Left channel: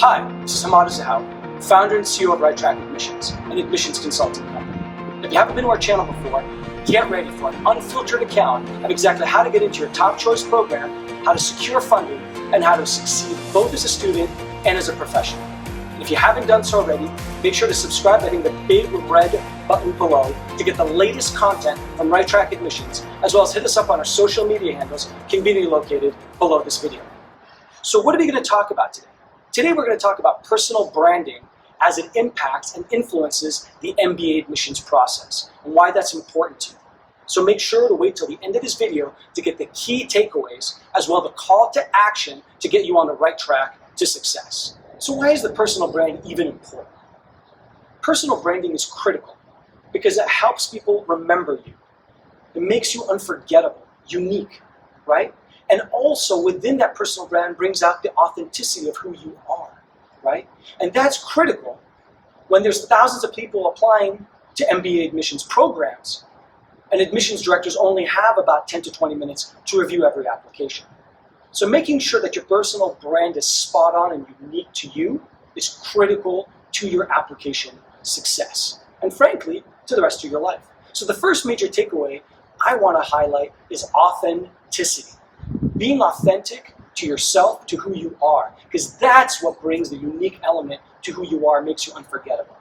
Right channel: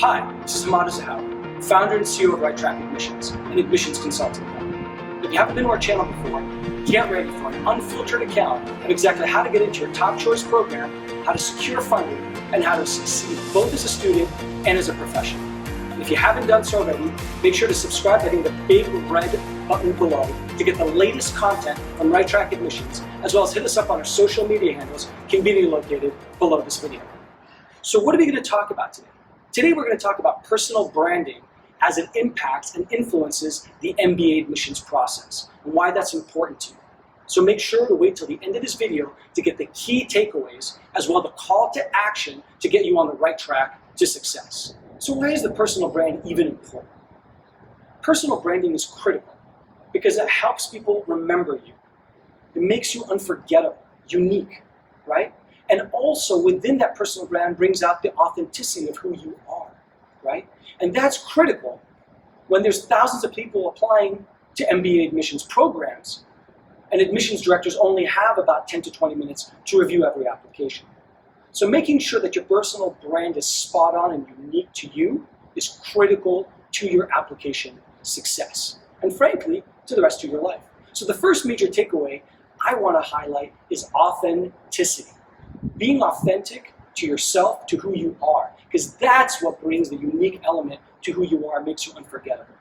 Hi, this is Hamad Zahawi, founder and CEO of Right Track Admissions, an admissions consulting company. If you haven't been to our channel before, get ready for an unfiltered account of exactly how to get into your top choice program, how to secure funding, and how to succeed both as a student and as a professional. And if you haven't done so already, make sure to subscribe by hitting the big red button below to get the latest content from Right Track Admissions, as well as hit us up on our social media handles, conveniently located below this video. So what are we going to talk about today? Today we're going to talk about personal branding as it impacts and influences the MBA admissions process and why that's important to you. So make sure to wait till the end of this video to get the key takeaways as well as the call to action to get you on the right track to success. So why is the personal brand even important? Personal branding is critical because it helps people remember you. It makes you unforgettable, unique, right? And also within that personal brand brings out the authenticity of who you are, right? And that's critical when there's thousands of people applying to MBA admissions programs and admissions directors only have about 10 to 20 minutes to review every application. So making sure that your personal brand is spot on and unique to you is critical to your application success and frankly, to the rest of your life. So the first major takeaway I want to highlight is authenticity. Being authentic to yourself, to who you are, because that's what brings the unique element to who you are, makes you unforgettable.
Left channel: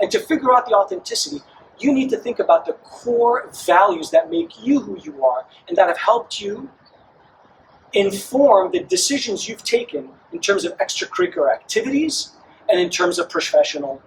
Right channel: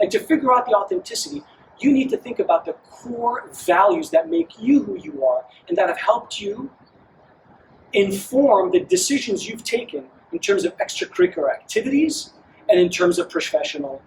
And to figure out the authenticity, you need to think about the core values that make you who you are and that have helped you inform the decisions you've taken in terms of extracurricular activities and in terms of professional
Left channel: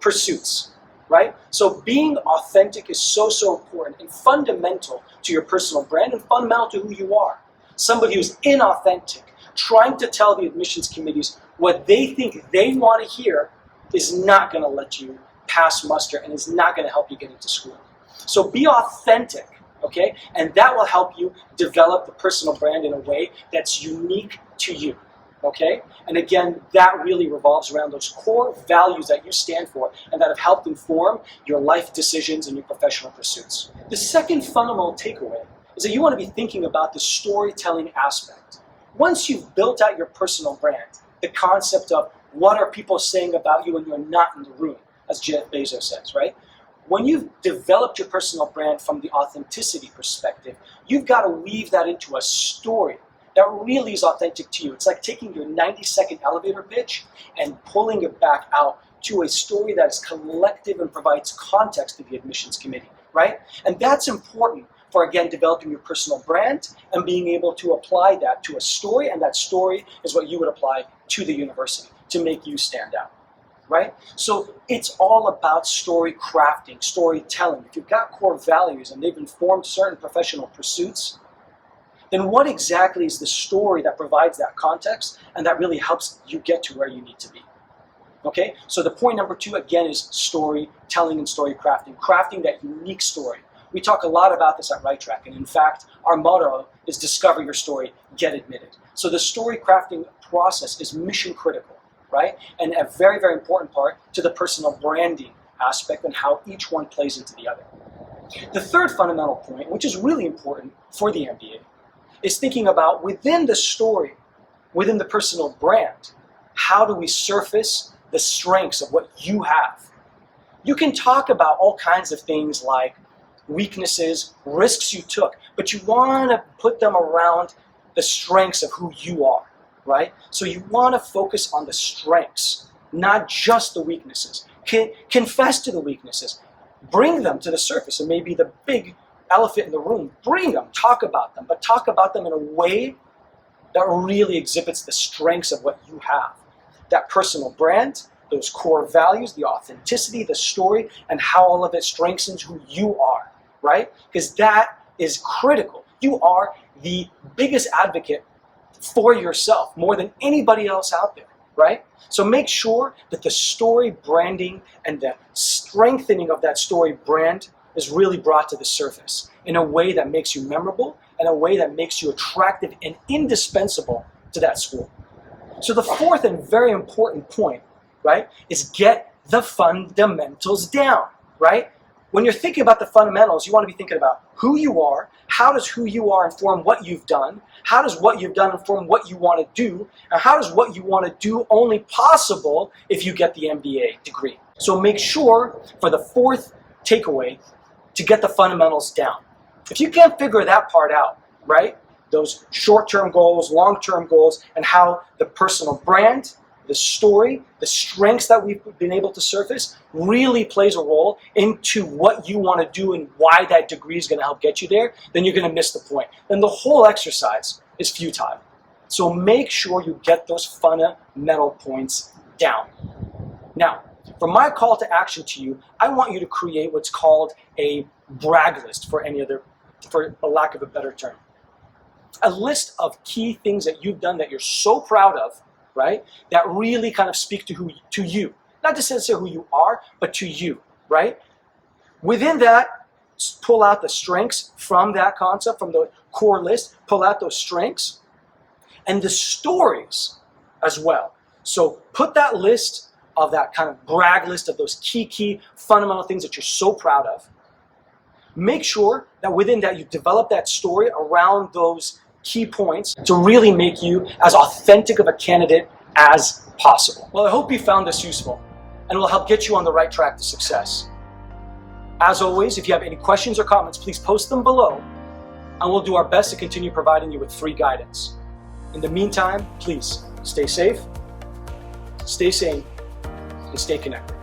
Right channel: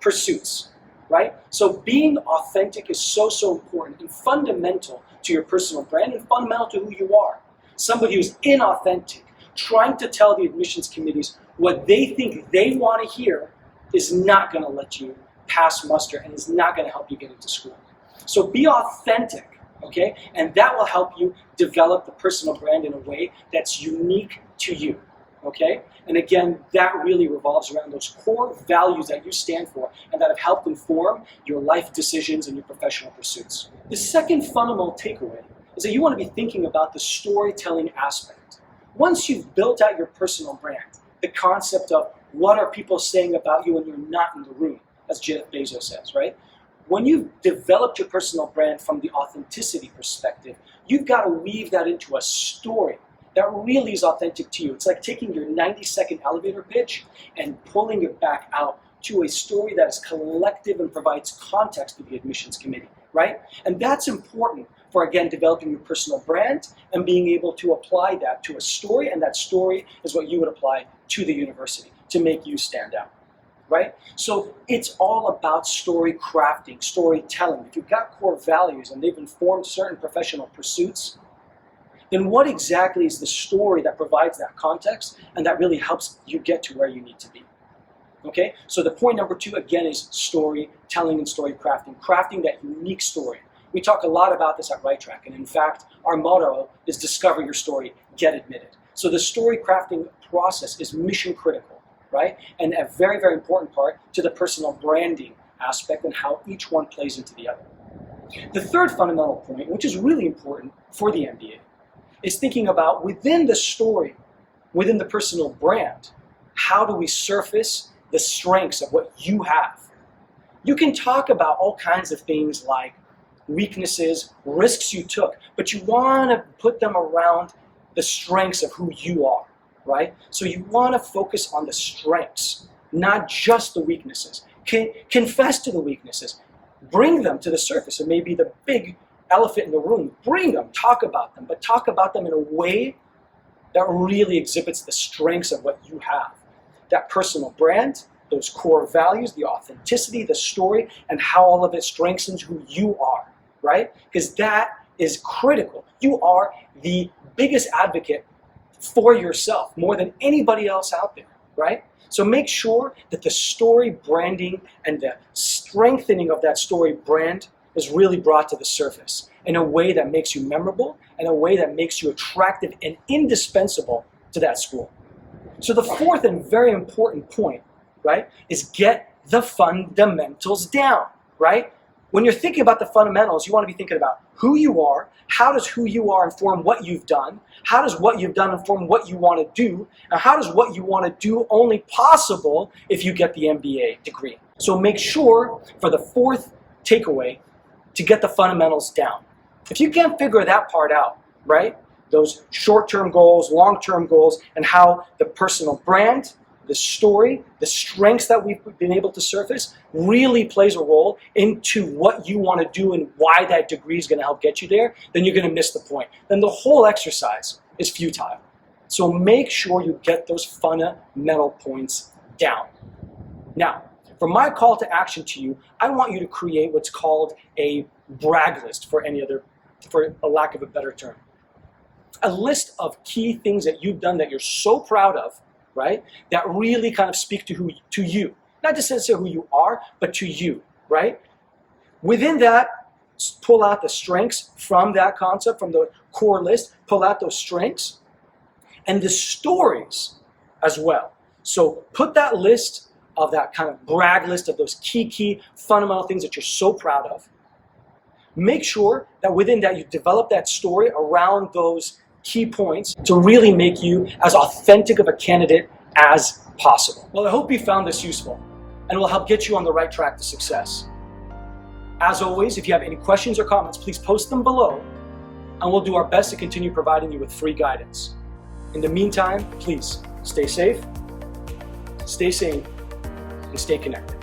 pursuits, right? So being authentic is so important and fundamental to your personal brand and fundamental to who you are. Somebody who's inauthentic, trying to tell the admissions committees what they think they want to hear is not going to let you pass muster and is not going to help you get into school. So be authentic, okay? And that will help you develop the personal brand in a way that's unique to you, okay? And again, that really revolves around those core values that you stand for and that have helped inform your life decisions and your professional pursuits. The second fundamental takeaway is that you want to be thinking about the storytelling aspect. Once you've built out your personal brand, the concept of what are people saying about you when you're not in the room, as Jeff Bezos says, right? When you've developed your personal brand from the authenticity perspective, you've got to weave that into a story that really is authentic to you. It's like taking your 90-second elevator pitch and pulling it back out to a story that is collective and provides context to the admissions committee, right? And that's important for, again, developing your personal brand and being able to apply that to a story, and that story is what you would apply to the university to make you stand out, right? So it's all about story crafting, storytelling. If you've got core values and they've informed certain professional pursuits, then what exactly is the story that provides that context and that really helps you get to where you need to be? Okay, so the point number 2, again, is storytelling and story crafting, crafting that unique story. We talk a lot about this at Right Track, and in fact, our motto is discover your story, get admitted. So the story crafting process is mission critical, right? And a very, very important part to the personal branding aspect and how each one plays into the other. The third fundamental point, which is really important for the MBA, is thinking about within the story, within the personal brand, how do we surface the strengths of what you have? You can talk about all kinds of things like weaknesses, risks you took, but you want to put them around the strengths of who you are, right? So you want to focus on the strengths, not just the weaknesses. Confess to the weaknesses. Bring them to the surface. It may be the big elephant in the room. Bring them, talk about them, but talk about them in a way that really exhibits the strengths of what you have. That personal brand, those core values, the authenticity, the story, and how all of it strengthens who you are, right? Because that is critical. You are the biggest advocate for yourself, more than anybody else out there, right? So make sure that the story branding and the strengthening of that story brand is really brought to the surface in a way that makes you memorable, in a way that makes you attractive and indispensable to that school. So the fourth and very important point, right, is get the fundamentals down, right? When you're thinking about the fundamentals, you want to be thinking about who you are, how does who you are inform what you've done, how does what you've done inform what you want to do, and how does what you want to do only possible if you get the MBA degree. So make sure, for the fourth takeaway, to get the fundamentals down. If you can't figure that part out, right, those short-term goals, long-term goals, and how the personal brand, the story, the strengths that we've been able to surface really plays a role into what you want to do and why that degree is going to help get you there, then you're going to miss the point. Then the whole exercise is futile. So make sure you get those fundamental points down. Now, for my call to action to you, I want you to create what's called a brag list, for a lack of a better term. A list of key things that you've done that you're so proud of, right? That really kind of speak to you. Not just necessarily who you are, but to you, right? Within that, pull out the strengths from that concept, from the core list, pull out those strengths, and the stories as well. So put that list of that kind of brag list of those key fundamental things that you're so proud of. Make sure that within that you develop that story around those key points to really make you as authentic of a candidate as possible. Well, I hope you found this useful and will help get you on the right track to success. As always, if you have any questions or comments, please post them below and we'll do our best to continue providing you with free guidance. In the meantime, please stay safe, stay sane, and stay connected.